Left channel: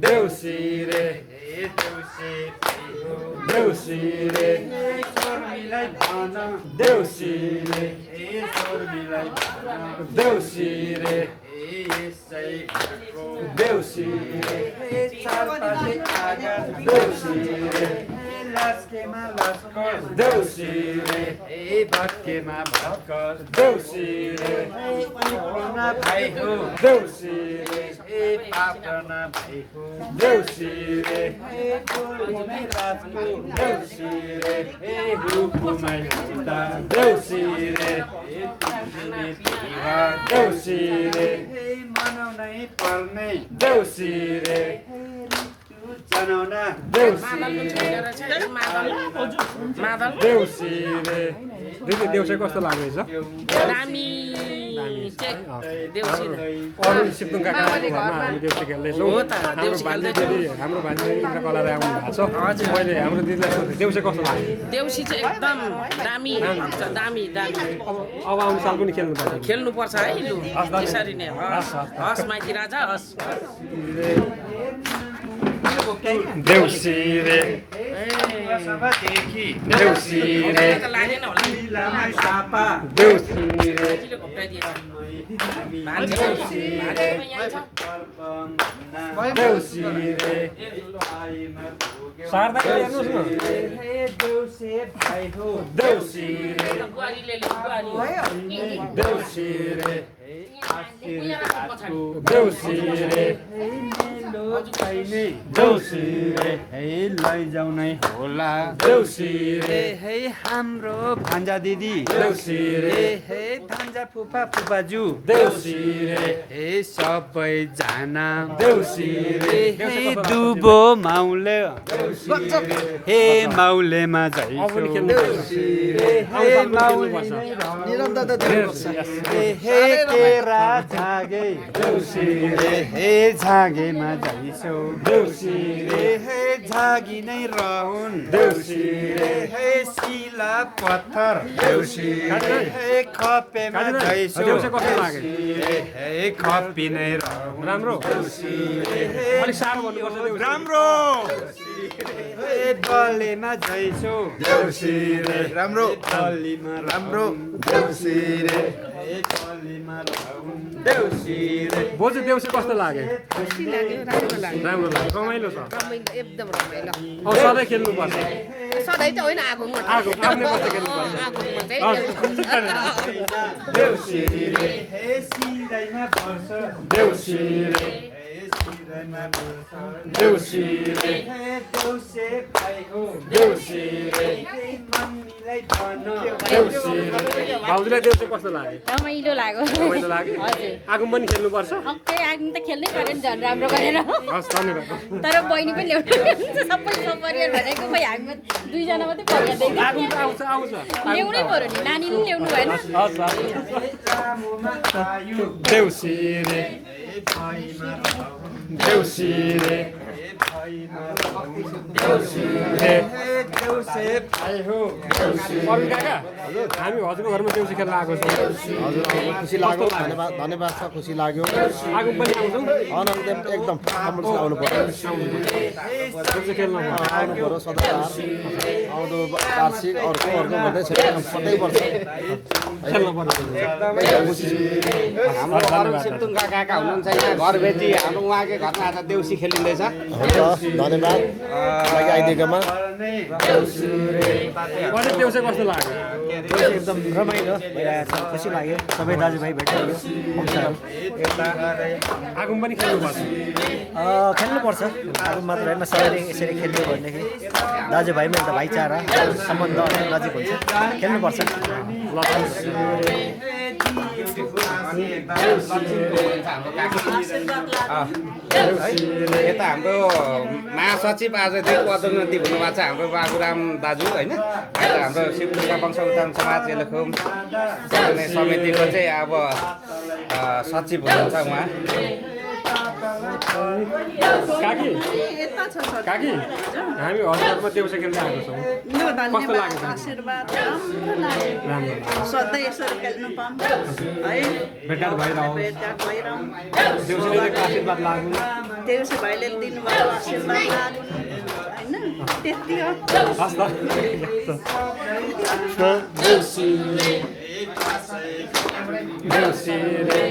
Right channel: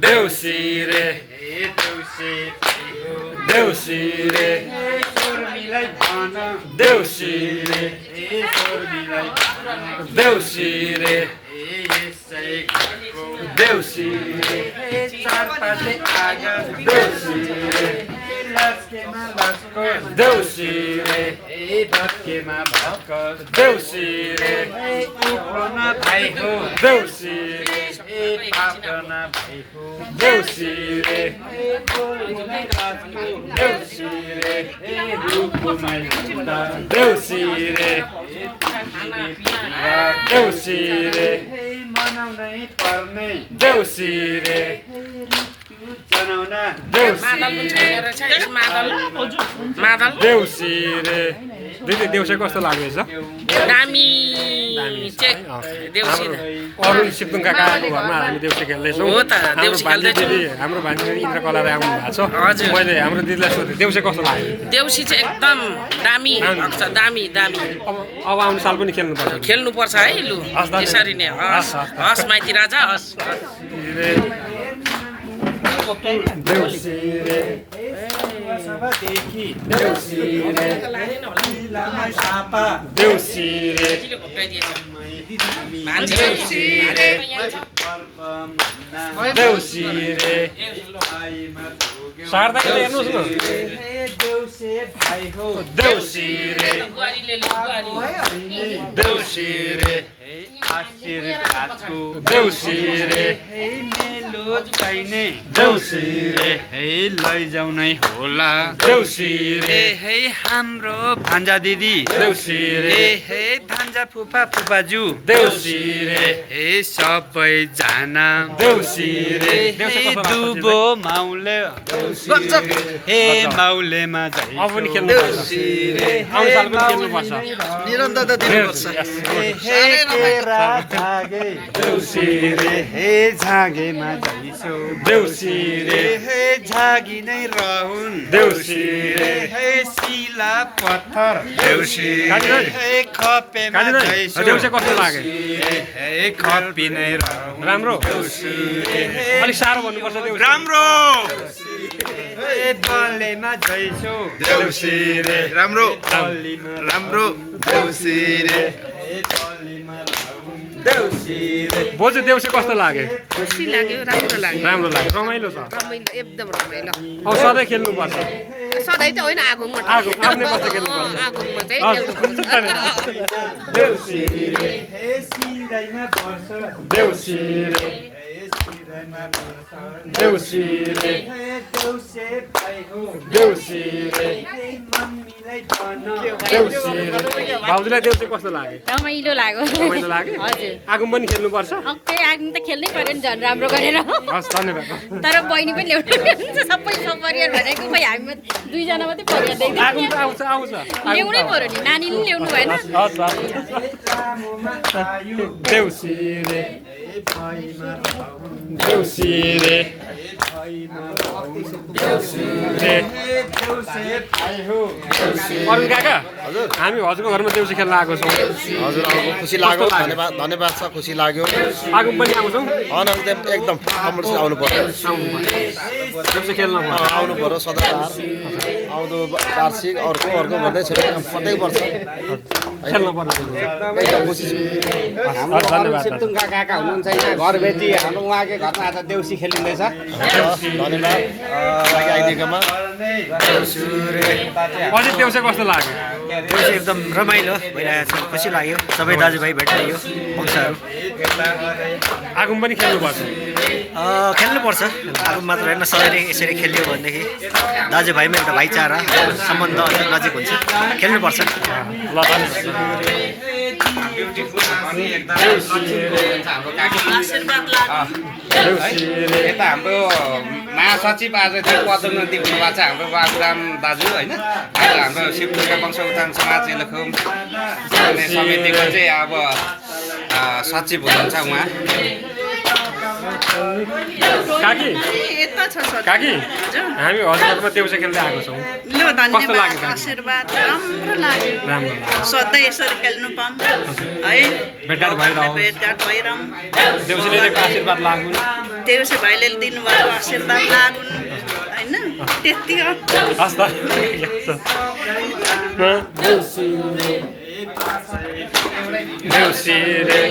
देउसिरे देउसिरे देउसिरे देउसिरे देउसिरे चारपाटे आगा देउसिरे देउसिरे भत्केमा भत्कर देउसिरे उप्लोमा भाइ हो देउसिरे पापना भाइ हो देउसिरे देउसिरे रूपमा देउसिरे देउसिरे मनाउनै पर्ने देउसिरे देउसिरे दिदी देउसे कस्तो लाग्दैछ दामी अरुण सिप्तुङ काकाको घरमा हामी देउसे खेल्दैछौँ हाम्रो भान्जी इन्द्रकलाले आउनु भएको छ मैले हाम्रो दिदीलाई सोधेँ देउसे कस्तो लाग्यो देउसी चाहिँ एकदम दामी दामी दामी अब आउने साल पनि खेल्नुपर्छ है लु यसरी नै हस् माइती राजा हस् देउसिरे देउसिरे देउसिरे देउसिरे शारदा हेर्नुहोस् न देउसिरे देउसिरे देउसिरे देउसिरे लैजाउ नै होला देउसिरे हाम्रो भान्जा दिदी देउसिरे भान्जा फुपा फुपाजु देउसिरे सबैजना देउसिरे दुबो माउले माउलेमा अब पनि खेल्नुपर्छ आउने साल पनि खेल्नुपर्छ निरन्तरता दिनुपर्छ देउसिरे झागेमा जाइसो देउसिरे झागी नै रहन् देउसिरे शिला पत्थर देउसिरे खपेमा जाइसो देउसे कस्तो लाग्यो खपी नै रहन् राम्रो अलिक साह्रो भन्नुपर्छ देउसे राम्रो बलेमा जाइसो देउसिरे राम्रो राम्रो देउसिरे बोजू देउसे कस्तो लाग्यो खुसी लाग्यो राम्रो लाग्यो राम्रो लाग्यो रमाइलो छ एकदम रमाइलो अब सधैँ खेल्नुपर्छ सधैँ त होइन आगोमा आफ्नै बस्दा खेल्नुपर्छ आगोमा चाहिँ देउसिरे देउसिरे देउसिरे देउसिरे भाउजूलाई देउसे कस्तो लाग्यो रमाइलो लाग्यो रमाइलो लाग्यो हजुर आगो पनि खेल्नुपर्छ अक्कै आग्नु त खेल्नै पर्यो नि झन् राम्रो गरेर हस् धन्यवाद तर बहिनी पनि ल्याउनु सबै सपरिवार भनेको खै हामी दुईजना मात्रै परिवार आगो देख्दै त आउँछ आउँछ ल्याउनै पर्यो नि नानी पनि ल्याउनु भएन हस् देउसिरे देउसिरे अरुण काका हजुर हामी हजुरको घरमा देउसी खेल्न आएको छौँ हजुर खुसी लाग्यो धन्यवाद छ खुसी लाग्यो आगो पनि आउँछौँ एकदम कम्पलसरी आउनु पर्यो देउसी खेल्न आउनु पर्यो सदाबार आउँदो वार्षिक अर्को भन्दै छ कतै पर्छ खेल्न पर्यो एकदम खुसी छु काका हुनुहुन्छ घर भेटी हाम्रो उहाँकै घरमा आज देउसी खेलिँदैछ धन्यवाद आइदिएकोमा अझै देउसे कस्तो लाग्यो देउसी एकदम रमाइलो भइरहेको छ खुसी लाग्यो सबै दाजुभाइ भेटियो वंशहरू आगो पनि खेल्नुपर्छ खेल्नुपर्छ आगो मात्र होइन सधैँ नै यसरी खेलियो भनेदेखि दाजुभाइमा एउटा भाइचारा सम्बन्ध अझ नजिक हुन्छ खेल्नुपर्छ ल यता हाम्रो महासचिव आज पदोन्नति हुनुभएको छ हाम्रो बाबुराम दाजु होइन आज हाम्रो शिवदुर्गा वंश उत्थान समाज एलखुम समितिको चाहिँ अब सचिव हुनुहुन्छ उहाँ काकी काकी हामी हजुरघरमा देउसे खेल्दै आएको छौँ कस्तो लाग्यो आशीर्वाद राम्रो लाग्यो राम्रो सधैँ यसरी खेल्नु पाउनु है भेटघाट भइरहोस् भेटघाट भइरहँ देउसीले आशीर्वाद लागुन् देउसे भाइले दिनुभयो आशीर्वाद लागुन् होइन त्यति हो हस् त देउसी रे